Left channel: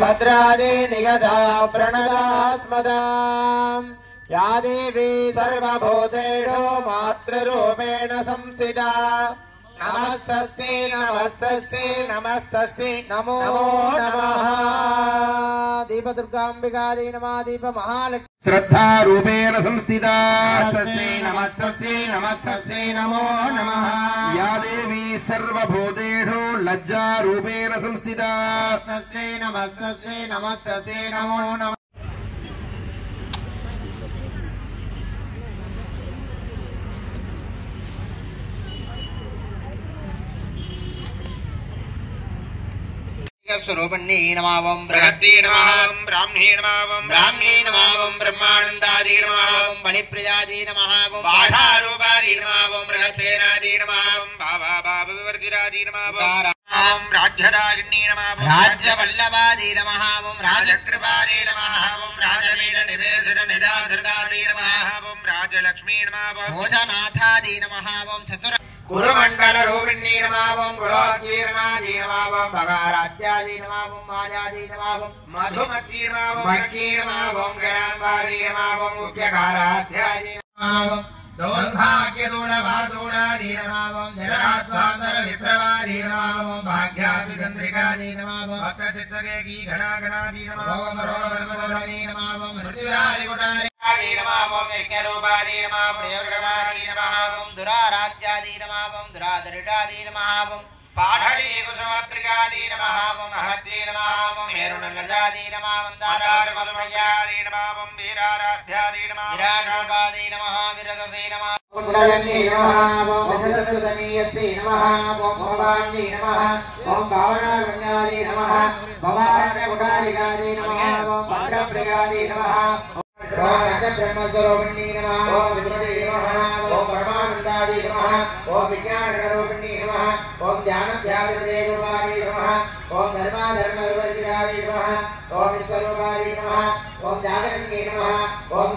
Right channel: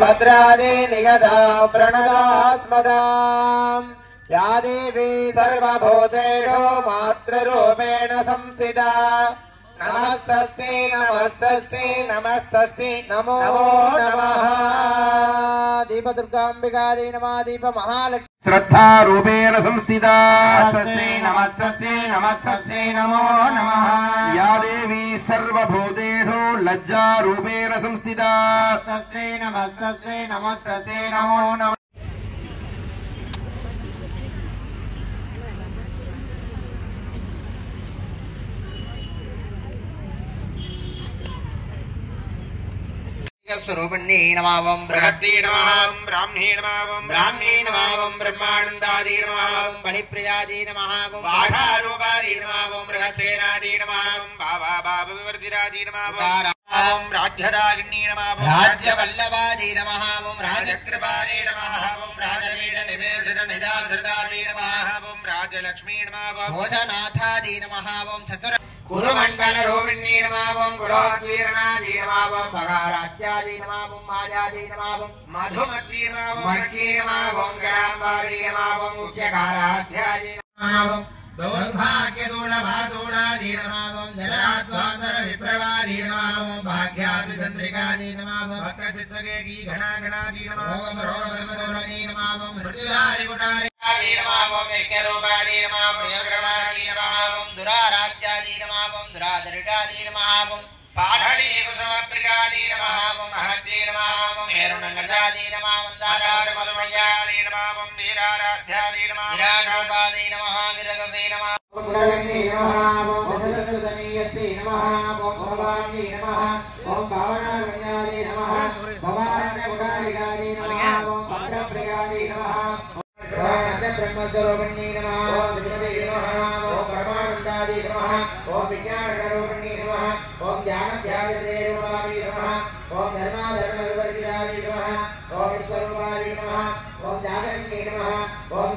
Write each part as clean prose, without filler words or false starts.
भद्रादि नियता प्रणदास्मदाम् या देवी सर्वभूतेषु मातृरूपेण संस्थिता नमस्तस्यै नमस्तस्यै नमस्तस्यै नमो नमः। दीपदुर्गाम्बिकायै नमः। दीप महालक्ष्मी श्रद्धा रूपेण संस्थिता नमस्तस्यै नमस्तस्यै नमो नमः। या देवी सर्वभूतेषु लज्जा रूपेण संस्थिता नमस्तस्यै नमस्तस्यै नमो नमः। स्वरूपिणी नमावं बृहद्दी नमावं ब्राह्मणी नमावं ब्राह्मणी नमावं ब्रह्मानंदादी नमावं मणिप्रियादी नमावं बाधारूपादी नमावं बृहत्सेनादी नमावं भावा भावविवर्जितादी नमावं राज्यरागिणी नमावं राज्यवल्लभादी नमावं राजकृपादी नमावं राजवीर निवेशित निजासृतादी नमावं राजलक्ष्मी नमावं भोजनाथादी नमावं चतुर कुरुमंडल रूपिणी नमावं कुलोकीर्णादी नमावं भगारात्यादी नमावं मायादी नमावं मधुमती नमावं मक्की नमावं ग्रामवादी नमावं मुख्यकाराध्यादी नमावं दौर्भाग्यदूढभादूढादी नमावं जराध्वांतर विप्रवादी नमावं भाग्याभिचन्द्रिकादी नमावं भक्तचित्तरेकी घनाघनादी नमावं रोगनमदोषदी नमावं मृत्युदारी कुटारी नमावं यज्ञरूपादी नमावं प्रियग्रवादी नमावं दुराराध्यादी नमावं दुरादरिटादी नमावं पाठडी कुसुमप्रियादी नमावं महत्ती नमावं हेरुणनजादी नमावं दारारकुसुमयादी नमावं वीराराध्यादी नमावं विराटरूपादी नमः विरजसे नमः कुण्डलनी नमः वसन्ततनीयसे नमः भवानी नमः ओम भावनागण्यादी नमः भवारण्यकुटारिकादी नमः भद्रप्रियादी नमः ब्रह्मस्वरूपिणी नमः ओम विष्णुवे नमः ओम परमानंदादी नमः ओम विज्ञानरूपिणी नमः ओम ध्यानध्यानरूपादी नमः ओम धर्माधर्मविवर्जितादी नमः ओम विश्वरूपादी नमः ओम जागरणी नमः ओम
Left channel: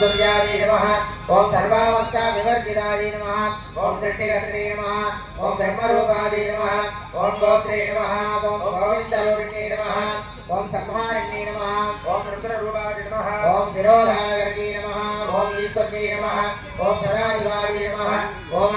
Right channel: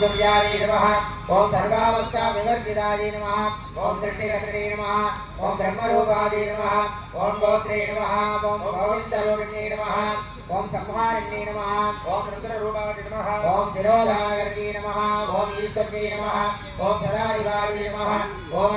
दुर्गादी नमः ओम सर्वावस्थाविवर्जितादी नमः ओम सृष्टिकर्त्री नमः ओम धर्मरूपादी नमः ओम गोत्रे नमः ओम गोविन्दरूपिणी नमः ओम संहारिणी नमः ओम रुद्ररूपादी नमः ओम तिरोधानगर्गी नमः ओम ईश्वरी नमः ओम सदाशिवादी नमः ओम